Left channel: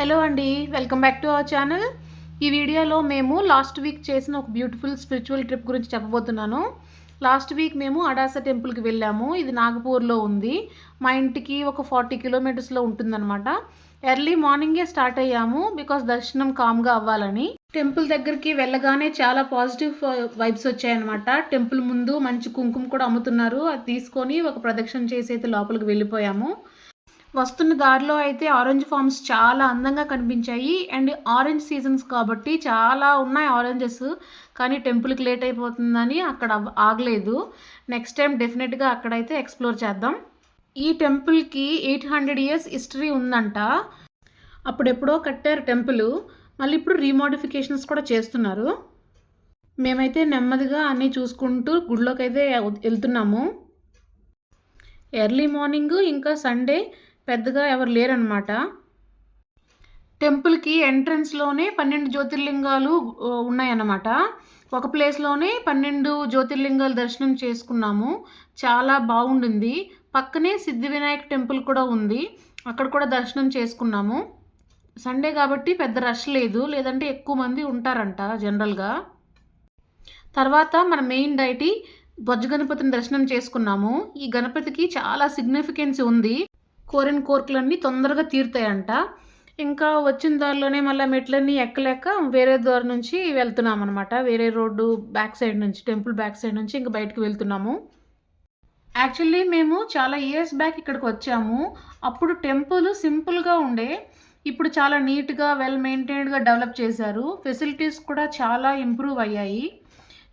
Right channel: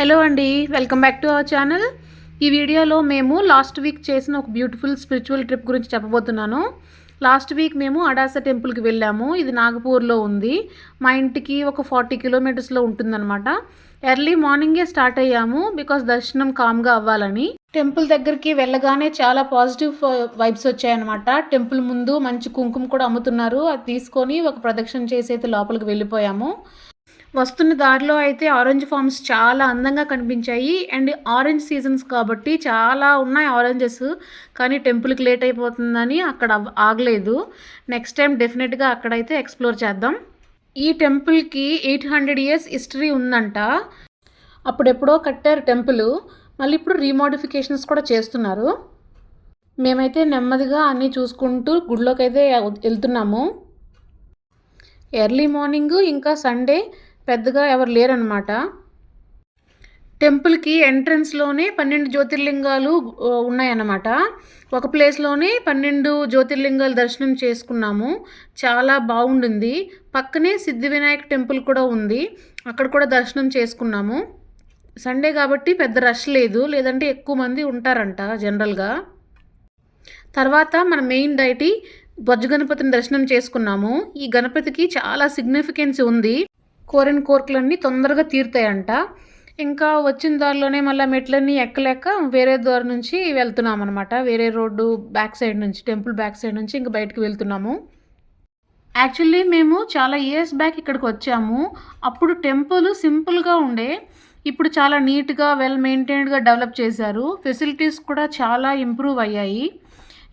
Hello అండి, welcome back to our channel. ఈ వీడియోలో మేము లాస్ట్ వీక్ చేసిన ఒక బ్యూటిఫుల్ స్పిరిచువల్ ట్రిప్ గురించి చెప్పబోతున్నాను. లాస్ట్ వీక్ మేము అడాస టెంపుల్కి వెళ్ళాము. ఇది నాగపూర్లో ఉంది. మా ఇంటికి ఒక 40 కిలోమీటర్స్లో ఉంటుందన్నమాట. ఎర్లీ మార్నింగే స్టార్ట్ అయ్యాము బికాస్ దర్శనం కామ్గా అవ్వాలని. టెంపుల్ దగ్గరికి వెళ్ళగానే చాలా పాజిటివ్ వైబ్స్ వచ్చాయన్నమాట. టెంపుల్ ముందు మంచి కుంకుమ కూడా అమ్ముతున్నారు. అది తీసుకొని ఒక ప్రదక్షిణ చేసి అయితే లోపలికి వెళ్ళిపోయాము. వస్తున్న దారిలో అయితే ఆరెంజ్ ఫార్మ్స్ చాలా అందంగా కనిపించాయి. అండ్ ఆరెంజ్ సీజన్స్ కాబట్టి చాలా ఉన్నాయి ఆరెంజెస్. కానీ టెంపుల్కి లేట్ అయిపోతుందని అక్కడ ఆగలేదు. నెక్స్ట్ టైం డెఫినెట్గా అక్కడైతే ఎక్స్ప్లోర్ చేద్దాం. ఈ టెంపుల్కి 800 years హిస్టరీ ఉందంట. అప్పుడెప్పుడో కట్టారు టెంపుల్. మళ్ళీ ఇప్పుడు రీమోడిఫికేషన్స్ కూడా చేస్తున్నారు. మేమైతే నెమ్మదిగా అన్నీ చూసుకుంటూ గుడిలోకి అయితే వెళ్తున్నాము. ఎర్లీ మార్నింగ్ ఇంకా సండే పెద్దగా ఎవరు లేరనమాట. టెంపుల్కి ఎంట్రన్స్లోనే 12 జ్యోతిర్లింగాలు ఉన్నాయన్నమాట. ఒక ప్లేస్లోనే 12 జ్యోతిర్లింగాలు దర్శనం చేసుకున్నాము. చాలా బాగుండింది. పక్కనే సిద్ధి వినాయక్ టెంపుల్ కూడా ఉంది. అక్కడ కూడా దర్శనం చేసుకున్నాము. సండే కాబట్టి పెద్ద రష్ లేదు, లేదంటే ఎక్కువ మంది ఉంటారంట జనరల్గా. తర్వాత మన మెయిన్ డైటీ బొజ్జ గణపతిని దర్శనం చేసుకున్నాము. ఈ గణపతికి చాలా సిగ్నిఫికెన్స్ ఉంది. కోరిన కోరికలన్నీ తొందరగా తీరుతాయంట. ఇంకా వచ్చిన దారిలోనే మళ్ళీ మెట్లన్నీ ఎక్కలేక వేరే దారి నుంచి వెళ్తున్నాం అనమాట. వేరే రోడ్డు బ్యాక్ సైడ్ నుంచి, టెంపుల్ బ్యాక్ సైడ్ నుంచి ఇంకా బయటకు వెళ్తున్నాము. యాక్చువల్లీ మేము చాలా ఇయర్స్ బ్యాక్ ఇక్కడికి వచ్చాము. అప్పుడు టెంపుల్ సింపుల్గా ఉండే. ఇప్పుడు చాలా నీట్గా వెల్ మెయింటైన్డ్గా డెవలప్ చేశారు. ఫెసిలిటీస్ కూడా చాలా ఇంప్రూవ్ అయ్యాయి.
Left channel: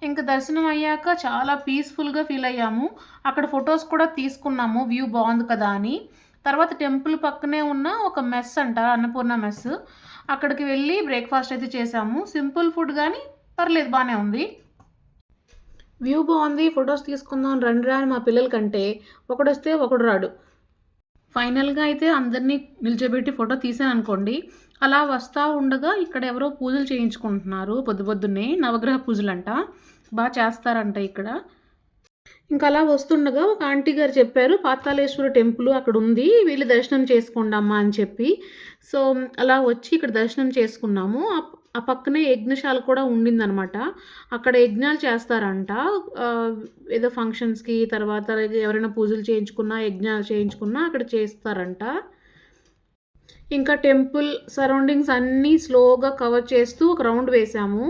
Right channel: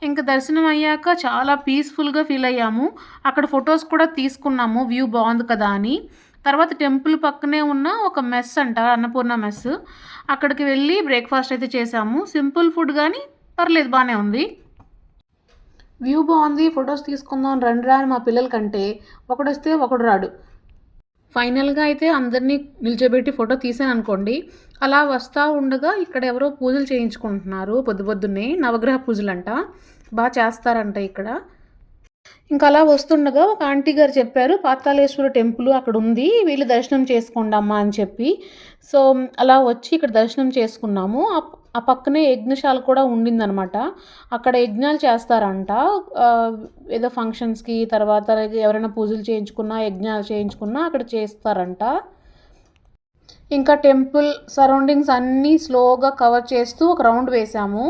ఇంకా దర్శనం అయ్యాక చాలా పీస్ఫుల్గా ఫీల్ అయ్యాము. అక్కడ ఫొటోస్ కూడా తీసుకున్నాము, వ్యూ బాగుంది కదా అని. తర్వాత టెంపుల్ పక్కనే ఉన్న ఒక మెస్ అంట, అన్నపూర్ణ మెస్. అక్కడికి వెళ్ళి బ్రేక్ఫాస్ట్ అయితే చేసాము. సింపుల్ ఫుడ్ కానీ పర్లేదు, బాగానే ఉంది. వ్యూ బాగుంది, ఫొటోస్ తీసుకుందాం రండి రా అని మా పిల్లలకంటే ఒకడు వస్తే ఒకడు రాడు. ఫైనల్గా అయితే అందరినీ నిల్చోబెట్టి ఫోటో తీసాను అనుకోండి. అలా వస్తూ ఉండగా ఇక్కడ ఎవరో పూజలు చేయించుకుంటున్నారు. పొద్దున్నే నవగ్రహ పూజలంట, బాగా చేస్తారంట ఇక్కడ. ఇంకా అలా వస్తుండగా ఒక ఆంటీ గారు చెప్పారు, పాతాళేశ్వర టెంపుల్ అక్కడ ఉంది, వీళ్ళు దర్శనం చేసుకోండి అమ్మా అని చెప్పి. సో అలా వచ్చి ఇక్కడ దర్శనం చేసుకున్నాము. ఆ పక్కనే యజ్ఞశాల కూడా ఉండిందనమాట. అక్కడ యజ్ఞాలు చేస్తారంట. ఏదో ఫంక్షన్స్కి, తర్వాత ఎవరైనా పూజలు చేయించుకున్నా, యజ్ఞాలు చేయించుకున్నా అక్కడ చేస్తారంట. ఇంకా టెంపుల్ సరౌండింగ్స్ అన్నీ స్లోగా కవర్ చేస్తూ ఒక రౌండ్ వేసాము.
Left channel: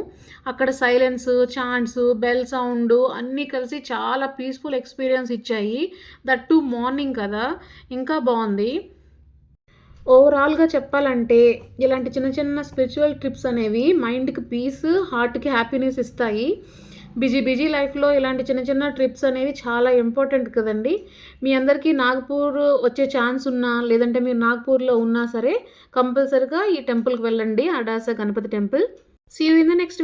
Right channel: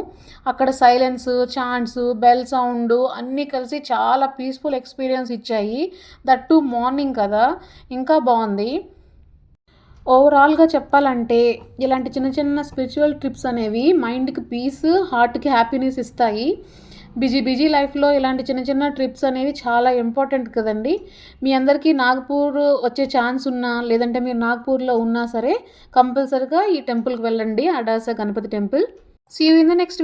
అక్కడ సైలెన్స్, చాంట్స్, బెల్ సౌండ్ అన్నీ కలిసి చాలా పీస్ఫుల్ ఎక్స్పీరియన్స్ ఇచ్చాయి. దట్ టు మార్నింగ్ కదా, ఇంకా బాగుంది. ఓవరాల్గా చెప్పాలంటే ఇలాంటి చిన్న చిన్న స్పిరిచువల్ ట్రిప్స్ అనేవి మైండ్కి పీస్, హార్ట్కి హ్యాపీనెస్ ఇస్తాయి. బిజీ లైఫ్లో ఇలాంటి చిన్న చిన్న ట్రిప్స్ అనేవి చాలా ఇంపార్టెంట్ కదండి. మీ అందరికీ నాగపూర్ వచ్చే ఛాన్స్ ఉన్నా, లేదంటే మీరు నాగపూర్లో ఉన్నా సరే కంపల్సరీగా ఈ టెంపుల్కి వెళ్ళండి, Adasa Ganapati temple. See you in the next video.